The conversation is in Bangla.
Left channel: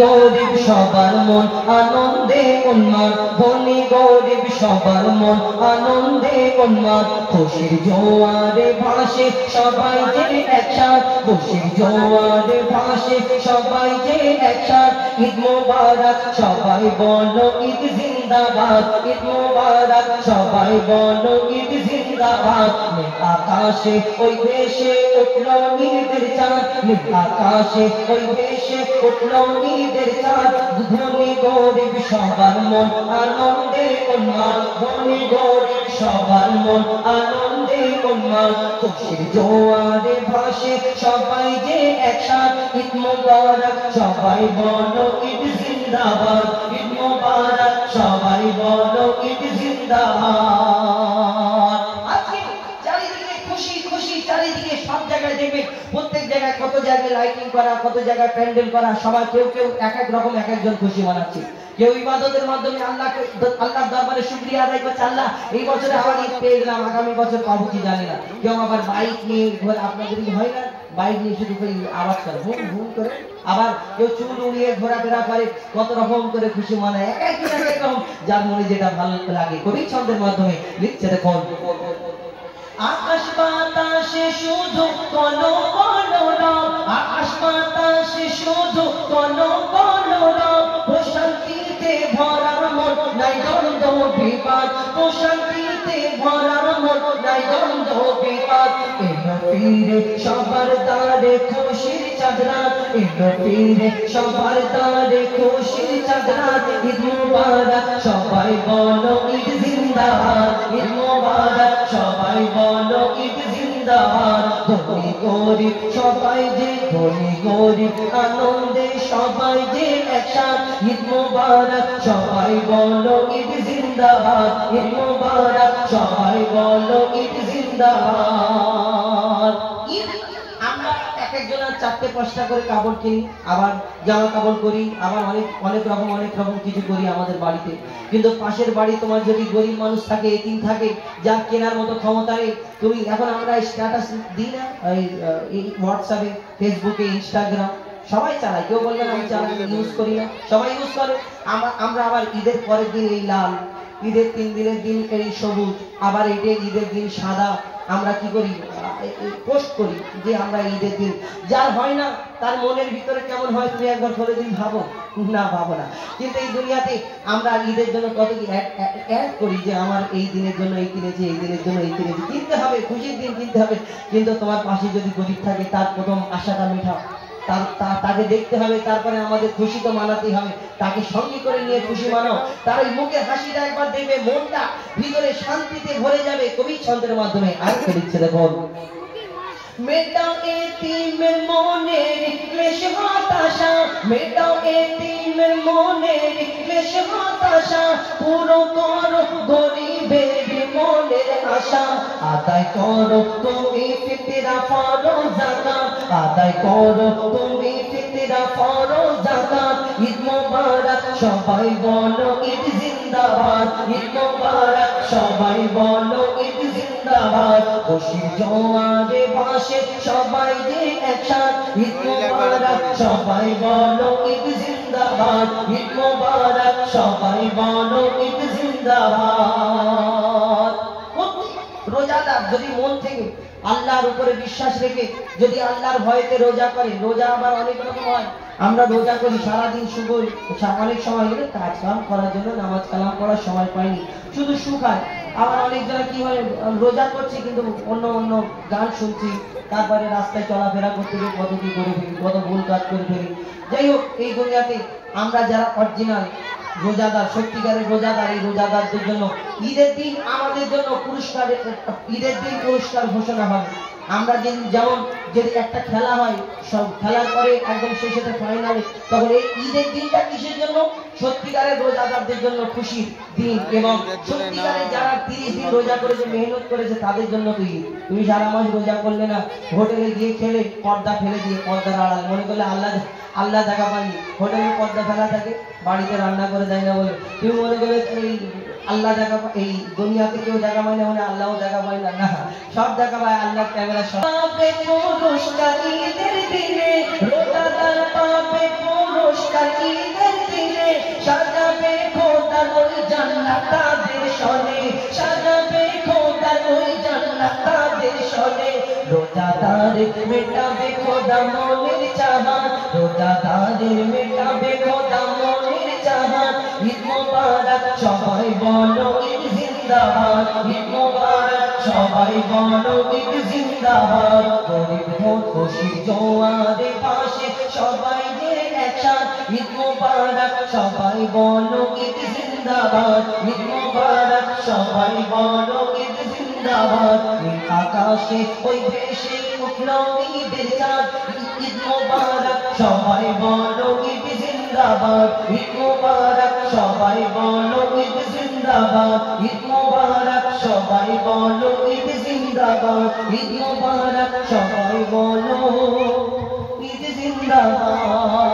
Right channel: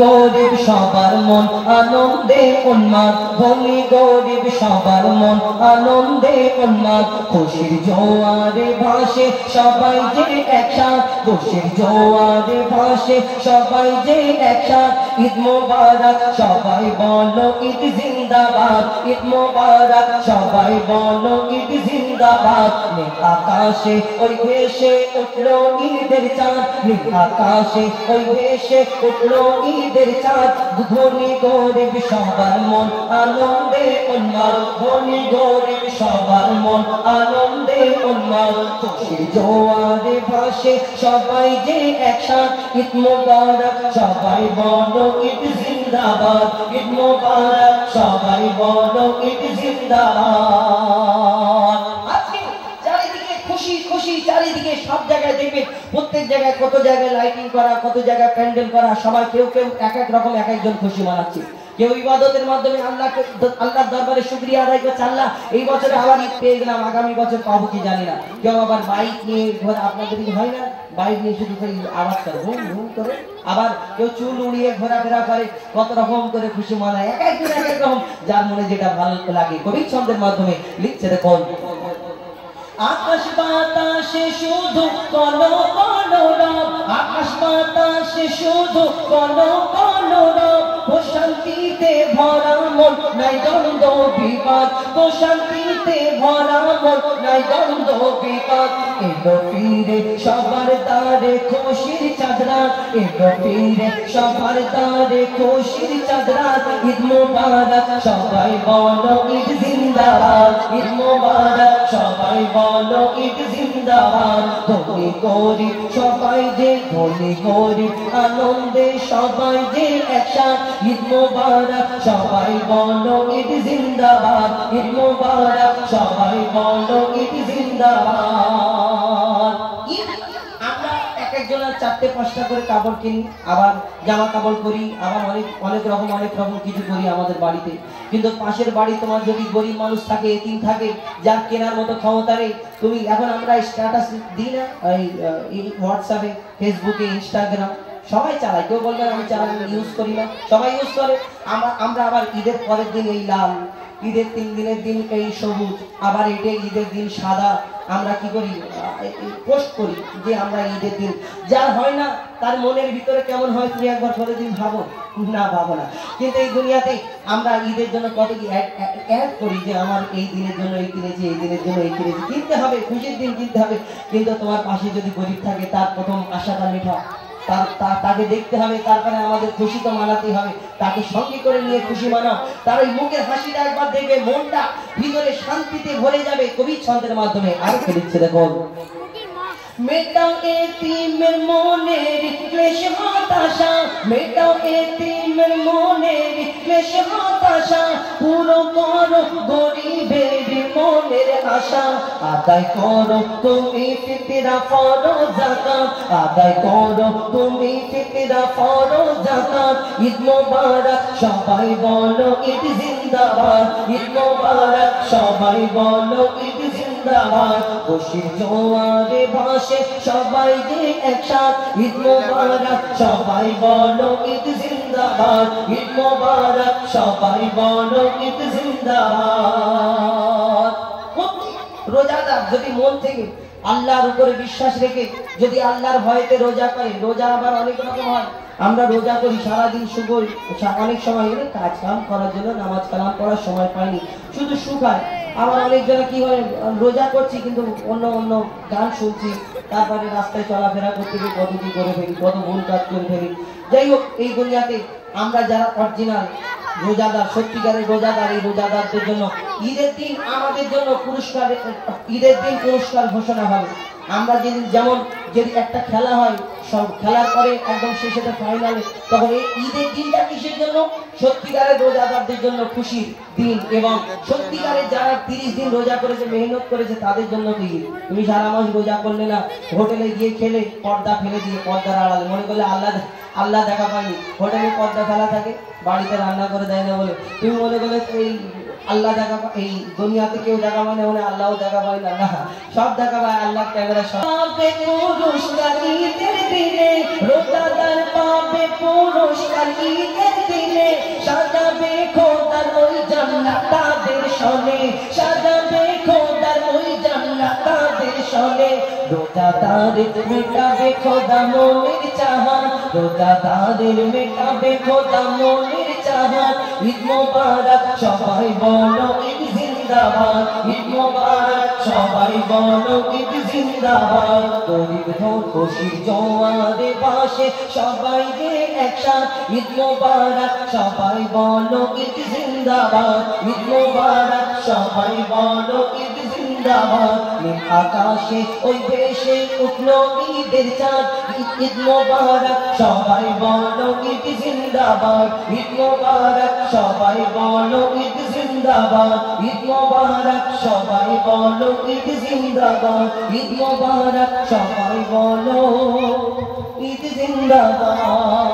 গরিব সবার মন আনন্দে উন্মাদ, ধনী গরিব সবার মন আনন্দে উন্মাদ। খুশির জোয়ারে ভাসে সবাই যে একসাথ, খুশির জোয়ারে ভাসে সবাই যে একসাথ। ঈদ মোবারক সবাই বলো ঈদ জিন্দাবাদ, ঈদ মোবারক সবাই বলো ঈদ জিন্দাবাদ। নীল আকাশে ওই ভেসে উঠলো ঈদের চাঁদ, নীল আকাশে ওই ভেসে উঠলো ঈদের চাঁদ। ধনী গরিব সবার মন আনন্দে উন্মাদ, ধনী গরিব সবার মন আনন্দে উন্মাদ। খুশির জোয়ারে ভাসে সবাই যে একসাথ, ঈদ মোবারক সবাই বলো ঈদ জিন্দাবাদ, ঈদ মোবারক সবাই বলো ঈদ জিন্দাবাদ। আজকে চারিদিকে খুশি খুশি, চারিদিকে সব জায়গায় দেখবেন প্রত্যেক জায়গায় কত জায়গায় লাইটিং করা, কত জায়গায় প্যান্ডেল করা, সবাই কেউ কেউ এক এক রকম এক একজন খুশি মানাচ্ছে। কেউ ইবাদতের মাধ্যমে আল্লাহর দরবারে শুকরিয়া আদায় করছে, আল্লাহ এই বছরে আবার ঈদ পেয়ে গেলাম, আগামী বছর পাবো কি জানি না। কেউ আবার বাইক নিয়ে ঘোরা, আপনাদের হয় না বাইক নিয়ে শুধু আওয়াজ করে হুম হুম করে, আবার কেউ চুল উড়িয়ে ঘোরাফেরা করে, কত রকম করে খুশি মানায়, এক একজন এক এক রকম যার মনে যেটা ভালো লাগে। কবি ছন্দের মাধ্যমে লিখছে দেখুন, আকাশ বাতাসে শুধু কলো কলো রব, আকাশ বাতাসে শুধু কলো কলো রব। প্রশান্তিতে ভরা মন নাই দ্বন্দ্ব বিবাদ, প্রশান্তিতে ভরা মন নাই দ্বন্দ্ব বিবাদ। এলো ফিরে সবার দ্বারে খুশির চাঁদরা, এলো ফিরে সবার দ্বারে খুশির চাঁদরা। ঈদ মোবারক সবাই বলো ঈদ জিন্দাবাদ, ঈদ মোবারক সবাই বলো ঈদ জিন্দাবাদ। ধনী গরিব সবাই যে, ধনী গরিব আনন্দে সবাই যে একসাথ। ঈদ মোবারক সবাই বলো ঈদ জিন্দাবাদ, ঈদ মোবারক সবাই বলো ঈদ জিন্দাবাদ। আমরা এক একজনের 4-5টা করে কাপড় কিনি, আবার জামা কাপড় করি, আবার অনেক রকম কিছু করি আমাদের বাড়িতে। কিন্তু পাশের বাড়ি তোমার যদি গরিব মানুষ থাকে, এতিম থাকে, যার কেনার মতো ক্ষমতা নেই, তুমি এখন আমরা স্ট্যাটাস দিই না এই হোয়াটসঅ্যাপে, ফেসবুকে, ইনস্টাগ্রাম সবাই চালায়, কেউ বলবেন আমি চালাই ইউজ করি না, সবাই ইউজ করে। আমরা আবার ঈদের পরের দিন এই লাল, ঈদের 3 দিনের দিন এই সবুজ, আবার এটা ঈদের দিন সাদা, আমরা কি করি পোস্ট করি যে আমরা ঈদের দিন। যার হয় না তার মনের ভিতরে কেমন হয় তুমি একবার বলে দিন, ভাবো না ভাবো না। কিন্তু এই দুনিয়াতে আমরা ঈদের জন্য কত কি অ্যাড করি যে আমার এই দিনের জন্য এই কিনেছি, এই দিনের জন্য এই কিনেছি। কিনতে হবে, খুশির দিন কিনতে হবে, কিন্তু তোমার পাশে যদি গরিব থাকে তার প্রথম আশাটা মেটাও, তাকে দেখতে হবে, তারপরে আমাদের খুশি তো মানাতে হবে, তাকে সঙ্গে করে নিয়ে খুশি মানাও। তার ওই মুখের হাসিটা একবার দেখবে, মনটা ভিতরে শান্তিতে ভরে যাবে। কবি ছন্দের মাধ্যমে আর লিখছে দেখো, মেটাও এতিমের মনের ক্লেশ হতাশা, মেটাও এতিমের মনের ক্লেশ হতাশা। পুরো করো গরিবের মনের আশা, আদায় করো তুমি ফিতরা ফরজ যাকাত, আদায় করো তুমি ফিতরা ফরজ যাকাত। ঈদ মোবারক সবাই বলো ঈদ জিন্দাবাদ, ঈদ মোবারক সবাই বলো ঈদ জিন্দাবাদ। খুশির জোয়ারে ভাসে সবাই যে একসাথ, ঈদ মোবারক সবাই বলো ঈদ জিন্দাবাদ, ঈদ মোবারক সবাই বলো ঈদ জিন্দাবাদ। রোজাদার যদি মন থেকে আল্লাহর উপরে বিশ্বাস রেখে যদি আল্লাহর ভয়েতে রোজা করে, রোজা আবার অনেক রকম হয়। আমরা রোজা করি সারাদিন, শুভ অনেক সময় কাজ কাম করার জন্য নামাজ কালাম পড়ার সময় পাইনি, শুধু শুকায়। আবার অনেকজনে কি হয়, রোজা করছি কিন্তু অন্য গান শুনছি, তারপরে রাস্তায় চলাফেরা করতে গিয়ে কত কি করে ফেলি, কত ভুল কাজ করে ফেলি। যাই হোক, এই দুনিয়াতে আমরা যারা অরিজিনাল রোজাদার, সত্যিকারের রোজাদার, এই রোজাদারদের জন্য ঈদের দিন আমাদের জন্য পুরস্কার, ঈদের দিন পুরস্কার ঘোষণা হয়। আমরা যেমন যদি একটা খেলা হয়, সব খেলার পরে একদম শেষে ফাইনালে, তখন এই ঈদের দিনটা কিসের জন্য? সত্যিকারের রোজাদারদের জন্য খুশির দিন, এবং সত্যিকারের যারা 30 দিন রোজা করেছে, মেহনত করেছে, তাদের জন্য তো ঈদ। তুমি সারা মাস রোজা করলে না, হোটেলে গিয়ে খেলে, পর্দা ফেলে দিয়ে, পর্দার আড়াল মনে করলে আল্লাহ দেখা পায়নি। হোটেলে পর্দা ফেলা থাকে, বাড়িতে রান্না করে দেয় না বলে তুমি মনে করে এই আল্লাহ দেখা, এই দুনিয়াতে কেউ দেখা পায় না বলে আল্লাহও দেখা পায় না, না, সব দেখা পায় আল্লাহ। ক্যামেরা সব পুরস্কার ঈদের দিনে, রোজাদার পাবে পুরস্কার দাদের মেটাবে খোদা মনের চাহাত, রোজাদারের মেটাবে খোদা মনের চাহাত। ঈদ মোবারক সবাই বলো ঈদ জিন্দাবাদ, ঈদ মোবারক সবাই বলো ঈদ জিন্দাবাদ। গরিব হোক খুশি জোয়ারে পাশে সবাই যে একসাথ, ঈদ মোবারক সবাই বলো ঈদ জিন্দাবাদ, ঈদ মোবারক সবাই বলো ঈদ জিন্দাবাদ। আকাশে ওই দেশে উঠলো ঈদের চাঁদ, ঈদ মোবারক সবাই বলো ঈদ জিন্দাবাদ, ঈদ মোবারক সবাই বলো ঈদ জিন্দাবাদ, ঈদ মোবারক সবাই বলো ঈদ জিন্দাবাদ, ঈদ মোবারক সবাই বলো ঈদ জিন্দাবাদ।